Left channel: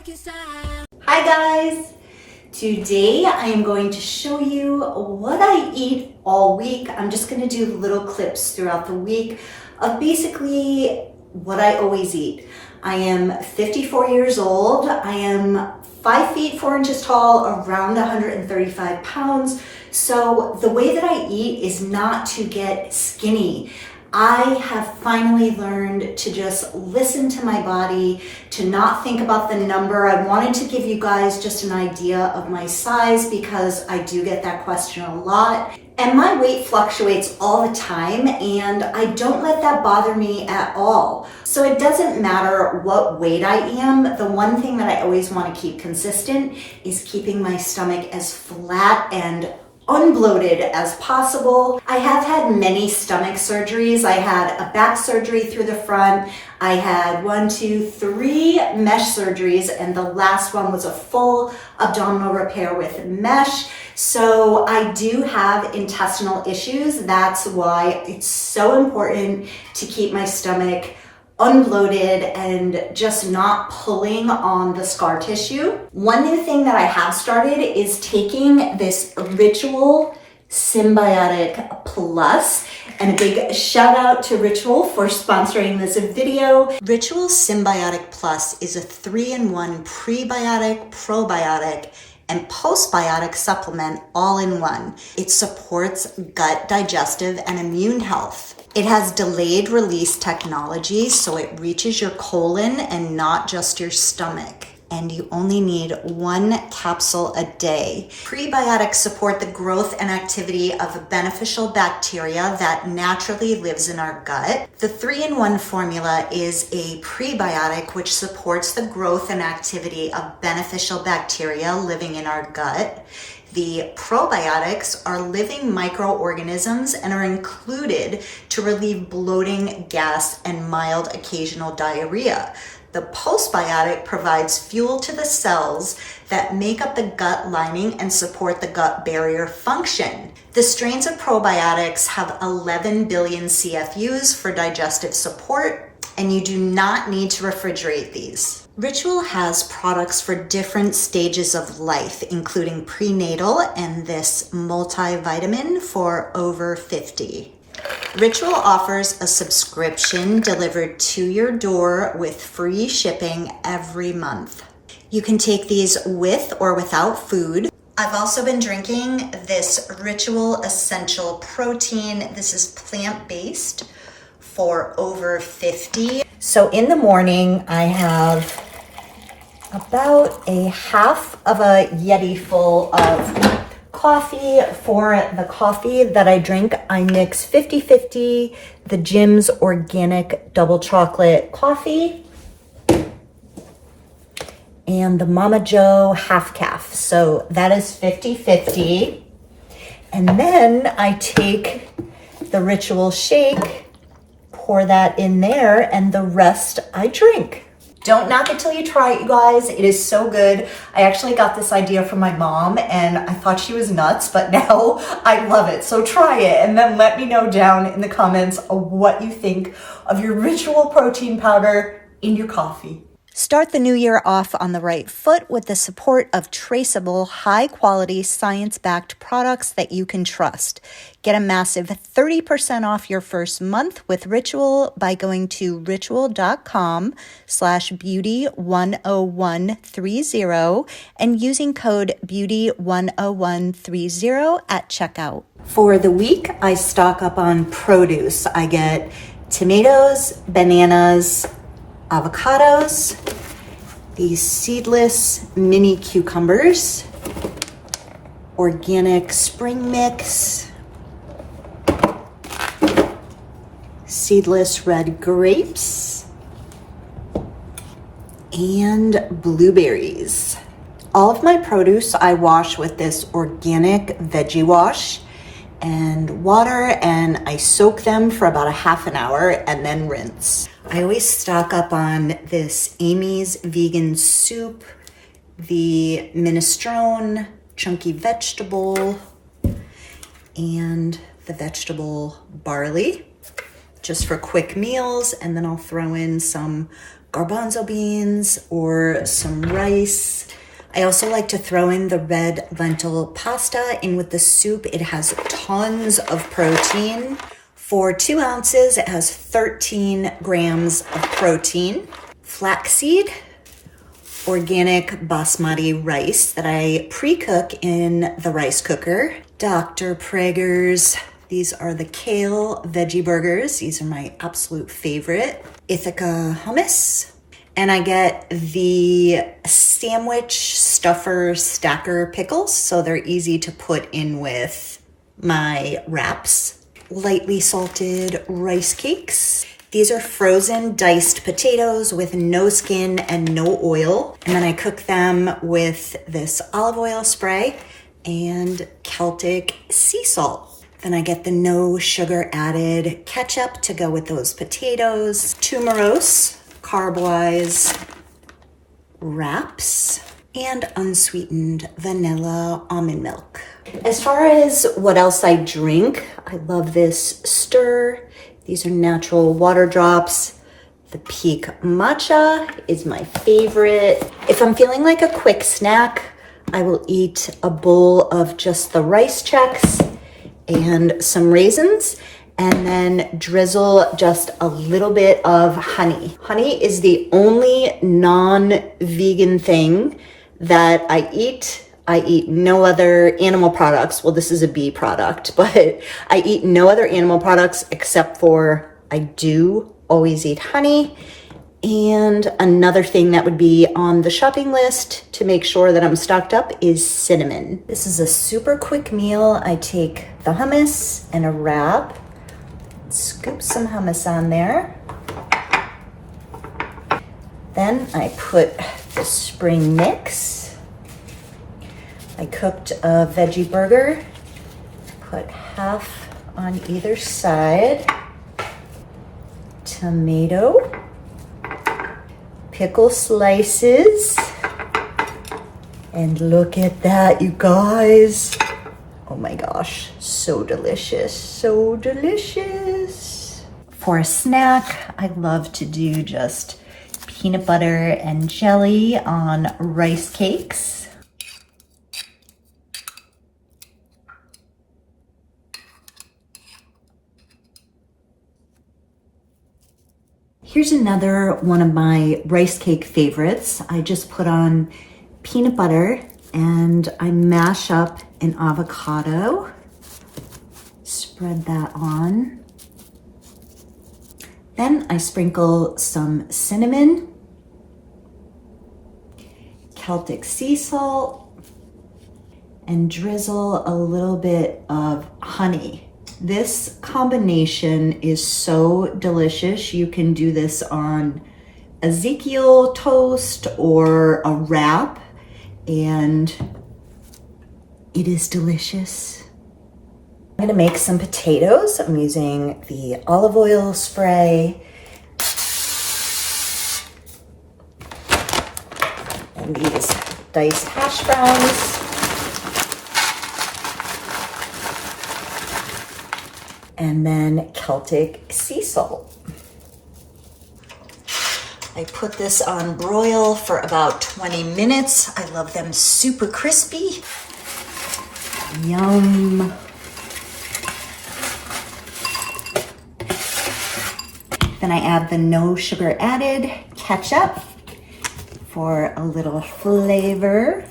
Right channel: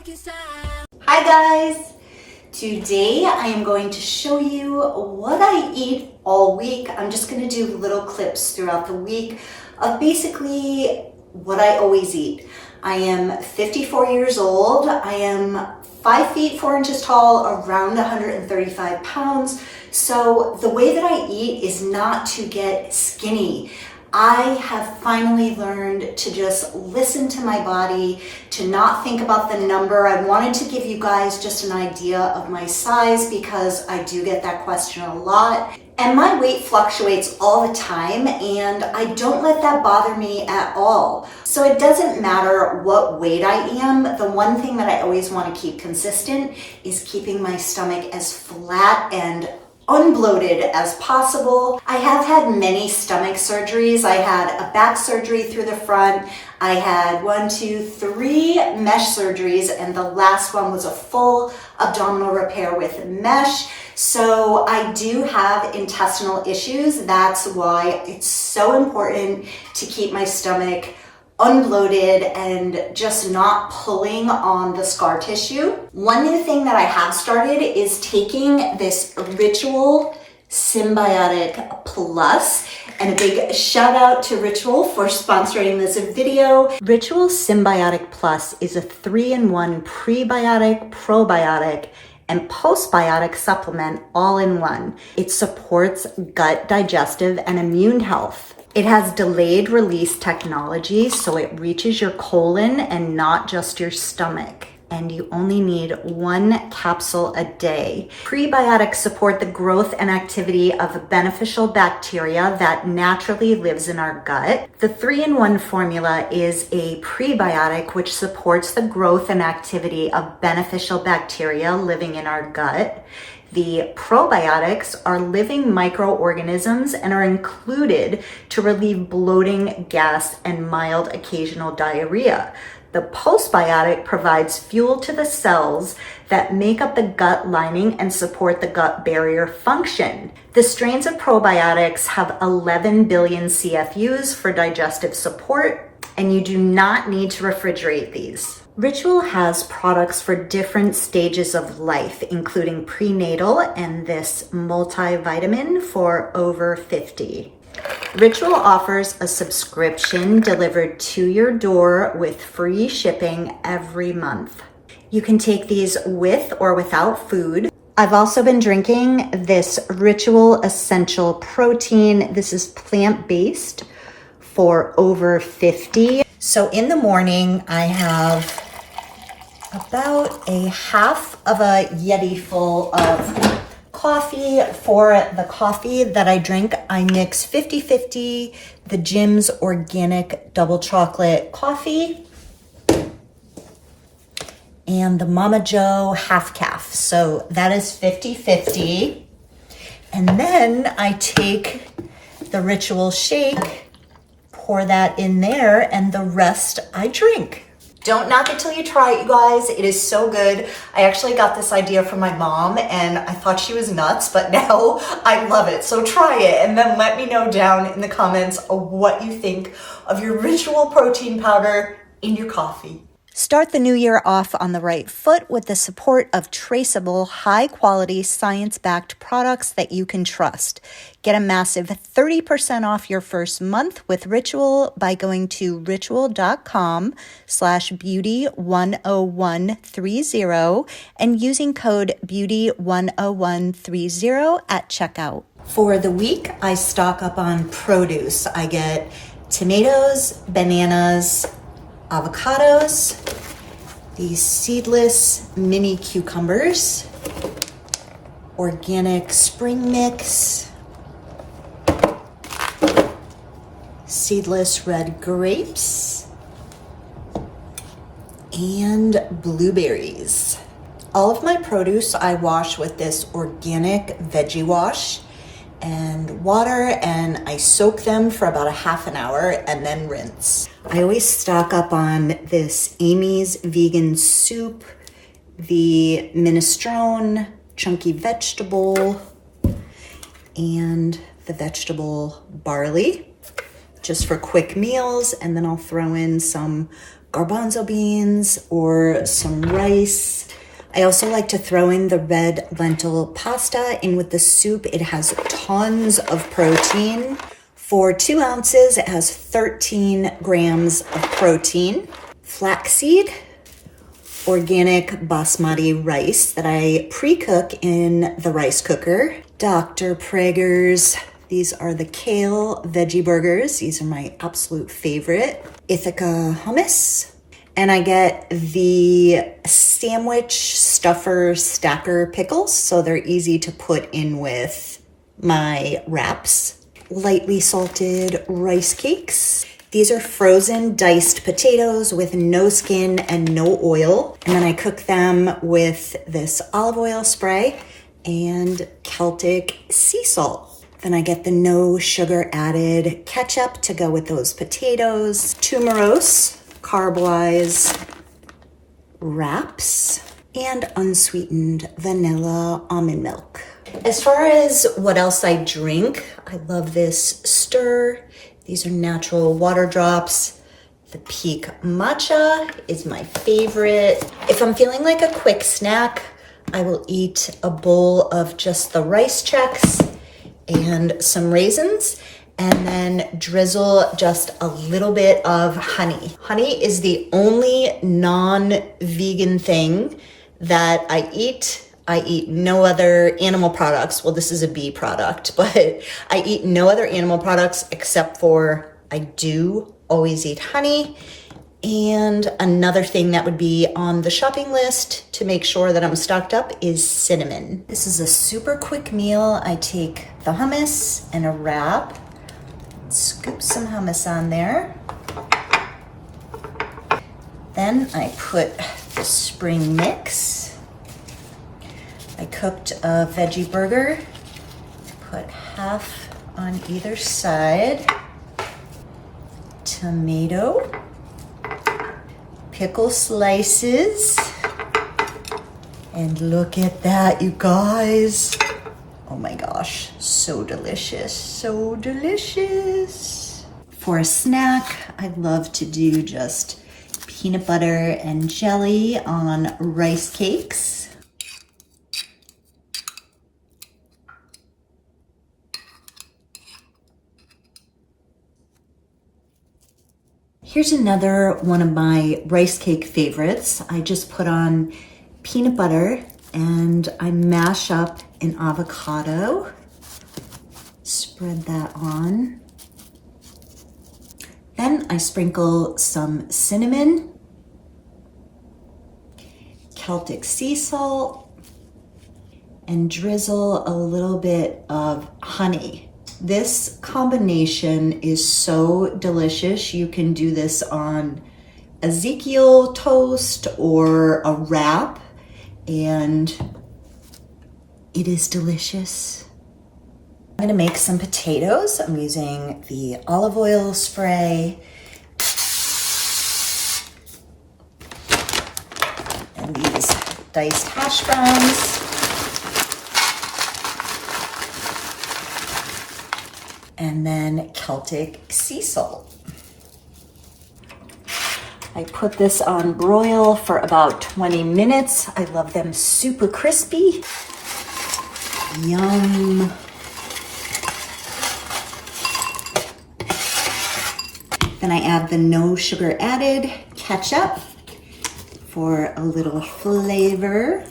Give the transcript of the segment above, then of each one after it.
Hi guys! Today I am going to show you what I eat all week. I'm just going to do little clips throughout the week of basically what I always eat. I am 54 years old. I am 5 feet 4 inches tall, around 135 pounds. So the way that I eat is not to get skinny. I have finally learned to just listen to my body, to not think about the number. I wanted to give you guys just an idea of my size because I do get that question a lot. And my weight fluctuates all the time and I don't let that bother me at all. So it doesn't matter what weight I am. The one thing that I always want to keep consistent is keeping my stomach as flat and unbloated as possible. I have had many stomach surgeries. I had a back surgery through the front. I had 3 mesh surgeries, and the last one was a full abdominal repair with mesh. So I do have intestinal issues. That's why it's so important to keep my stomach unbloated and just not pulling on the scar tissue. One new thing that I have started is taking this Ritual Symbiotic Plus, and a big shout out to Ritual for sponsoring this video. Ritual Symbiotic Plus is a 3-in-1 prebiotic, probiotic, and postbiotic supplement all in one. It supports gut, digestive, and immune health. It has delayed release technology, so it reaches your colon and not just your stomach. And you only need 1 capsule a day. Prebiotics support the growth and activity of beneficial bacteria that naturally lives in our gut. The 3-in-1 formula is a prebiotic which supports the growth and activity of beneficial bacteria living in our gut. The probiotics are living microorganisms and are included to relieve bloating, gas, and mild occasional diarrhea. The postbiotic provides fuel to the cells that make up the gut lining and support the gut barrier function. The strains of probiotics have 11 billion CFUs for digestive support, and you do not need to refrigerate these. Ritual has products for different stages of life, including prenatal and this multivitamin for over 50. Ritual offers a subscription delivered to your door with free shipping every month. You can take these with or without food. I've also been drinking this Ritual Essential Protein. This is plant-based for over 50. So in the morning, I have about a half of a Yeti full of coffee. For the coffee that I drink, I mix 50-50 the Jim's Organic Double Chocolate Coffee and the Mama Joe Half Calf. So that is 50-50. And then I take the Ritual shake, pour that in there, and the rest I drink. Don't knock it till you try it, you guys. It is so good. I actually got this idea from my mom and I thought she was nuts, but now I love it. So try it and then let me know down in the comments what you think of your Ritual protein powder in your coffee. Start the new year off on the right foot with the support of traceable, high-quality, science-backed products that you can trust. Get a massive 30% off your first month with Ritual by going to ritual.com/beauty10130 and using code beauty10130 at checkout. For the week, I stock up on produce. I get tomatoes, bananas, avocados, these seedless mini cucumbers, organic spring mix, seedless red grapes, and blueberries. All of my produce I wash with this organic veggie wash and water, and I soak them for about a half an hour and then rinse. I always stock up on this Amy's vegan soup, the minestrone, chunky vegetable, and the vegetable barley, just for quick meals. And then I'll throw in some garbanzo beans or some rice. I also like to throw in the red lentil pasta in with the soup. It has tons of protein. For 2 ounces, it has 13 grams of protein. Flaxseed, organic basmati rice that I pre-cook in the rice cooker. Dr. Prager's, these are the kale veggie burgers. These are my absolute favorite. Ithaca hummus. And I get the sandwich stuffer stacker pickles, so they're easy to put in with my wraps. Lightly salted rice cakes. These are frozen diced potatoes with no skin and no oil. And then I cook them with this olive oil spray and Celtic sea salt. Then I get the no sugar added ketchup to go with those potatoes. Tumeros, carb-wise wraps, and unsweetened vanilla almond milk. As far as what else I drink, I love this stir. These are natural water drops. The Peak matcha is my favorite. If I'm feeling like a quick snack, I will eat a bowl of just the rice checks and some raisins, and then drizzle just a little bit of honey. Honey is the only non-vegan thing that I eat. I eat no other animal products. Well, this is a bee product, but I eat no other animal products except for I do always eat honey. And another thing that would be on the shopping list to make sure that I'm stocked up is cinnamon. This is a super quick meal. I take the hummus and a wrap, scoop some hummus on there. Then I put the spring mix. I cooked a veggie burger, put half on either side, tomato, pickle slices, and look at that, you guys. Oh my gosh, so delicious, so delicious. For a snack, I love to do just peanut butter and jelly on rice cakes. Here's another one of my rice cake favorites. I just put on peanut butter and I mash up an avocado. Spread that on. Then I sprinkle some cinnamon, Celtic sea salt, and drizzle a little bit of honey. This combination is so delicious. You can do this on Ezekiel toast or a wrap, and it is delicious. I'm gonna make some potatoes. I'm using the olive oil spray and these diced hash browns. And then Celtic sea salt. I put this on broil for about 20 minutes. I love them super crispy. Yum. Then I add the no sugar added ketchup for a little flavor.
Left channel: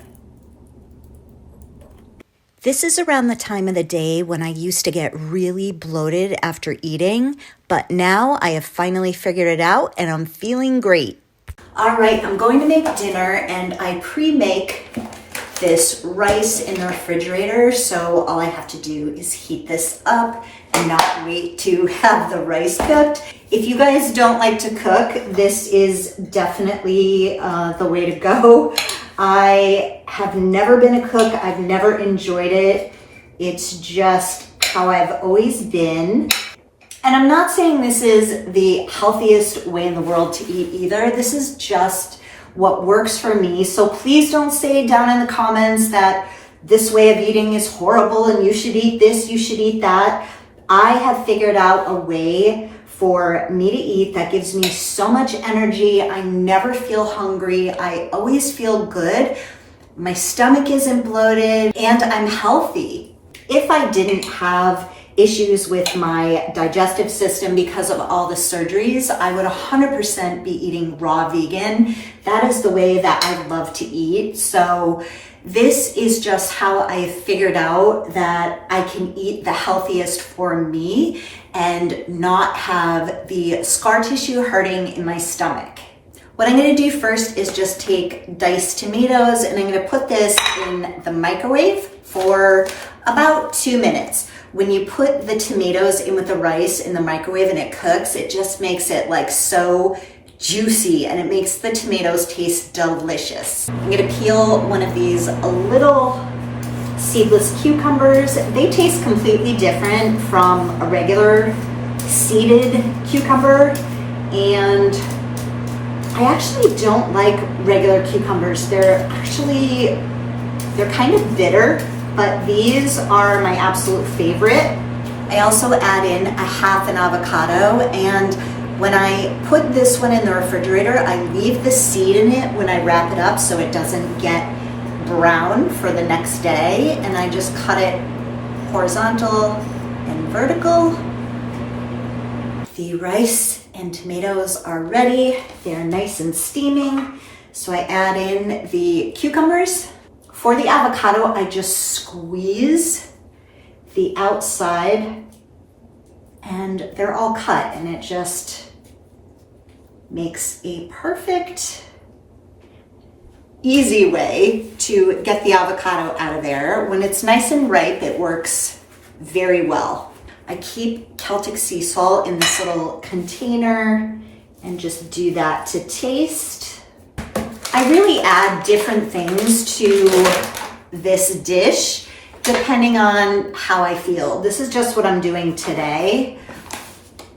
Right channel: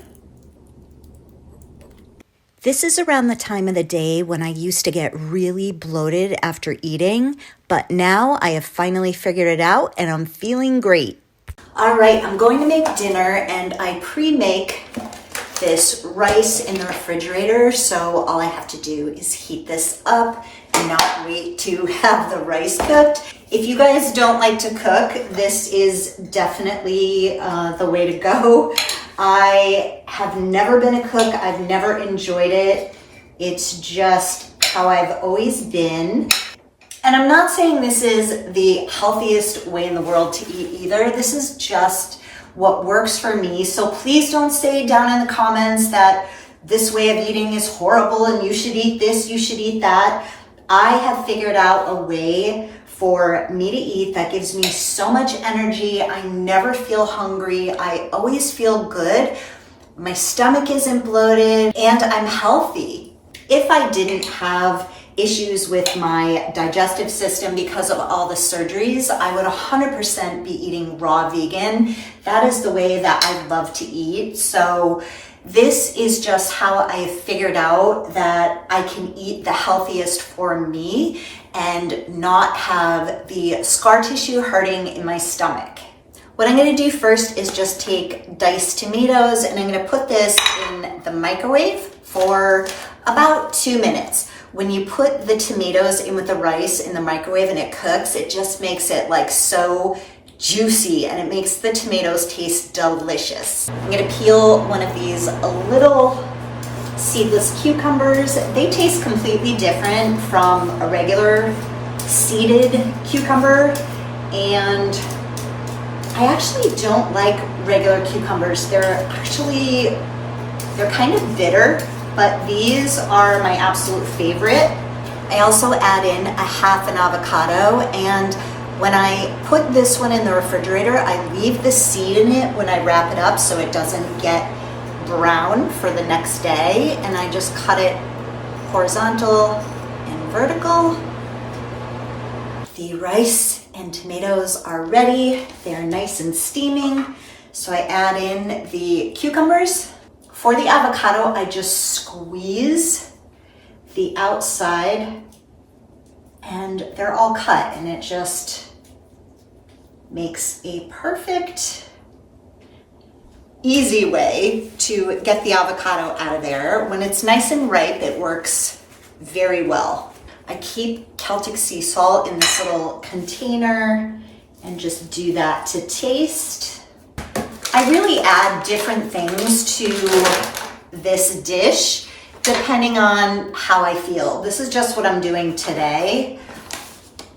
This is around the time of the day when I used to get really bloated after eating, but now I have finally figured it out and I'm feeling great. All right, I'm going to make dinner and I pre-make this rice in the refrigerator, so all I have to do is heat this up and not wait to have the rice cooked. If you guys don't like to cook, this is definitely the way to go. I have never been a cook. I've never enjoyed it. It's just how I've always been. And I'm not saying this is the healthiest way in the world to eat either. This is just what works for me. So please don't say down in the comments that this way of eating is horrible and you should eat this, you should eat that. I have figured out a way for me to eat that gives me so much energy. I never feel hungry. I always feel good. My stomach isn't bloated and I'm healthy. If I didn't have issues with my digestive system because of all the surgeries, I would 100% be eating raw vegan. That is the way that I love to eat. So this is just how I figured out that I can eat the healthiest for me and not have the scar tissue hurting in my stomach. What I'm gonna do first is just take diced tomatoes and I'm gonna put this in the microwave for about 2 minutes. When you put the tomatoes in with the rice in the microwave and it cooks, it just makes it like so juicy and it makes the tomatoes taste delicious. I'm gonna peel one of these little seedless cucumbers. They taste completely different from a regular seeded cucumber, and I actually don't like regular cucumbers. They're kind of bitter, but these are my absolute favorite. I also add in a half an avocado, and when I put this one in the refrigerator, I leave the seed in it when I wrap it up so it doesn't get brown for the next day, and I just cut it horizontal and vertical. The rice and tomatoes are ready. They're nice and steaming. So I add in the cucumbers. For the avocado, I just squeeze the outside and they're all cut, and it just makes a perfect, easy way to get the avocado out of there. When it's nice and ripe, it works very well. I keep Celtic sea salt in this little container and just do that to taste. I really add different things to this dish depending on how I feel. This is just what I'm doing today.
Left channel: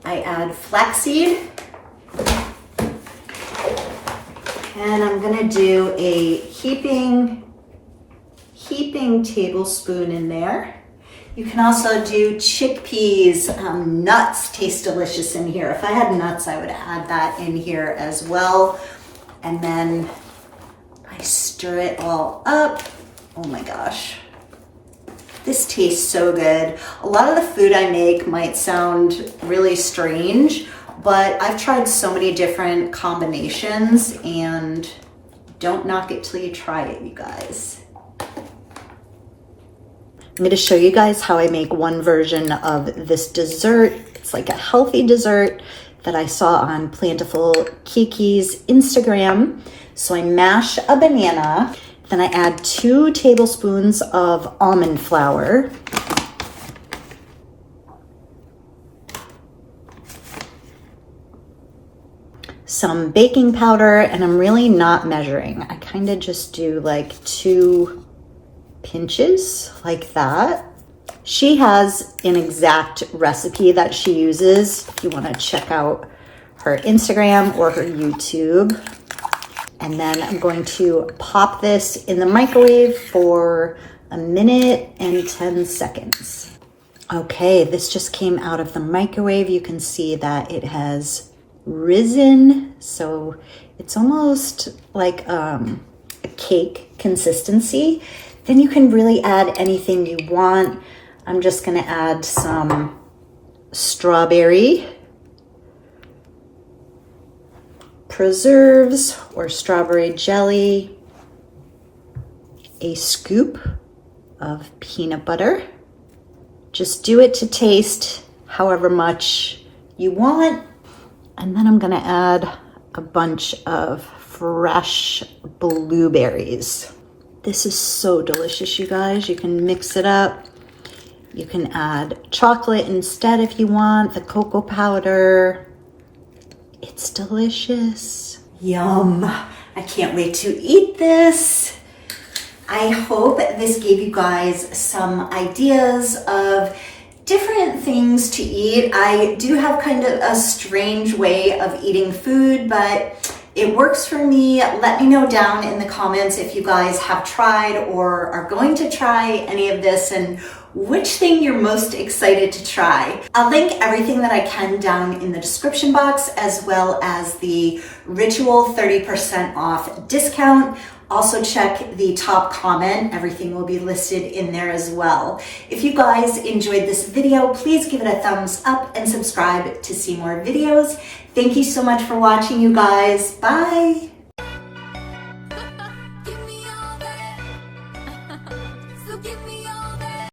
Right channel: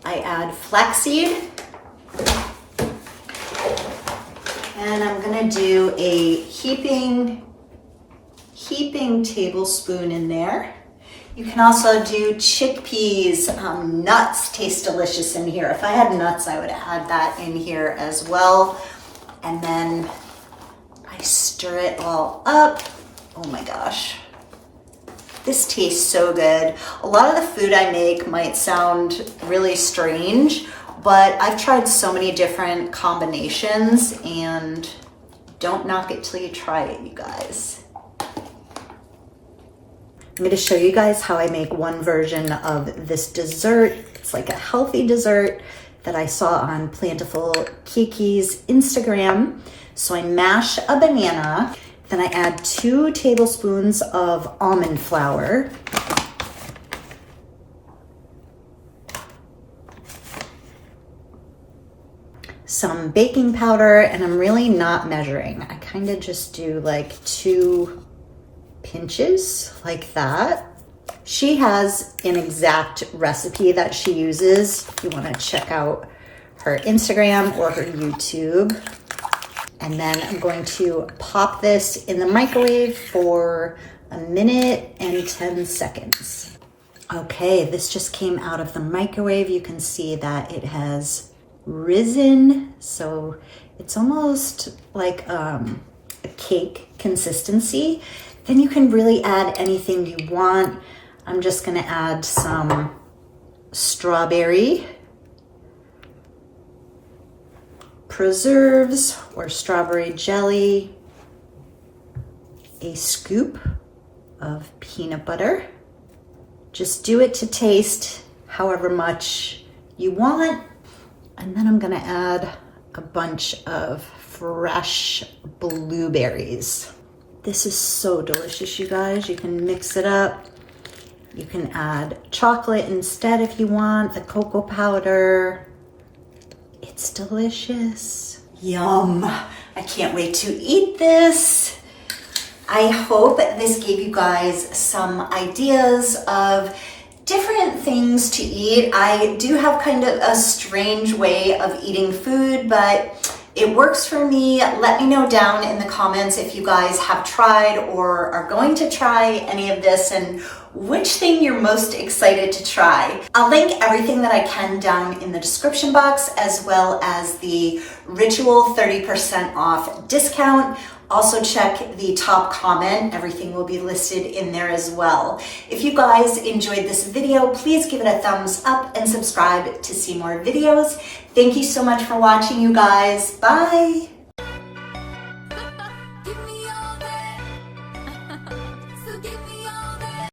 I add flaxseed, and I'm gonna do a heaping tablespoon in there. You can also do chickpeas. Nuts taste delicious in here. If I had nuts, I would add that in here as well. And then I stir it all up. Oh my gosh. This tastes so good. A lot of the food I make might sound really strange, but I've tried so many different combinations, and don't knock it till you try it, you guys. I'm gonna show you guys how I make one version of this dessert. It's like a healthy dessert that I saw on Plentiful Kiki's Instagram. So I mash a banana, then I add 2 tablespoons of almond flour, some baking powder, and I'm really not measuring. I kind of just do like 2 pinches like that. She has an exact recipe that she uses if you want to check out her Instagram or her YouTube. And then I'm going to pop this in the microwave for 1 minute and 10 seconds. Okay, this just came out of the microwave. You can see that it has risen. So it's almost like a cake consistency. Then you can really add anything you want. I'm just gonna add some strawberry preserves or strawberry jelly, a scoop of peanut butter. Just do it to taste however much you want. And then I'm gonna add a bunch of fresh blueberries. This is so delicious, you guys. You can mix it up. You can add chocolate instead if you want, the cocoa powder. It's delicious. Yum. I can't wait to eat this. I hope this gave you guys some ideas of different things to eat. I do have kind of a strange way of eating food, but It works for me. Let me know down in the comments if you guys have tried or are going to try any of this and which thing you're most excited to try. I'll link everything that I can down in the description box, as well as the Ritual 30% off discount. Also check the top comment. Everything will be listed in there as well. If you guys enjoyed this video, please give it a thumbs up and subscribe to see more videos. Thank you so much for watching, you guys. Bye.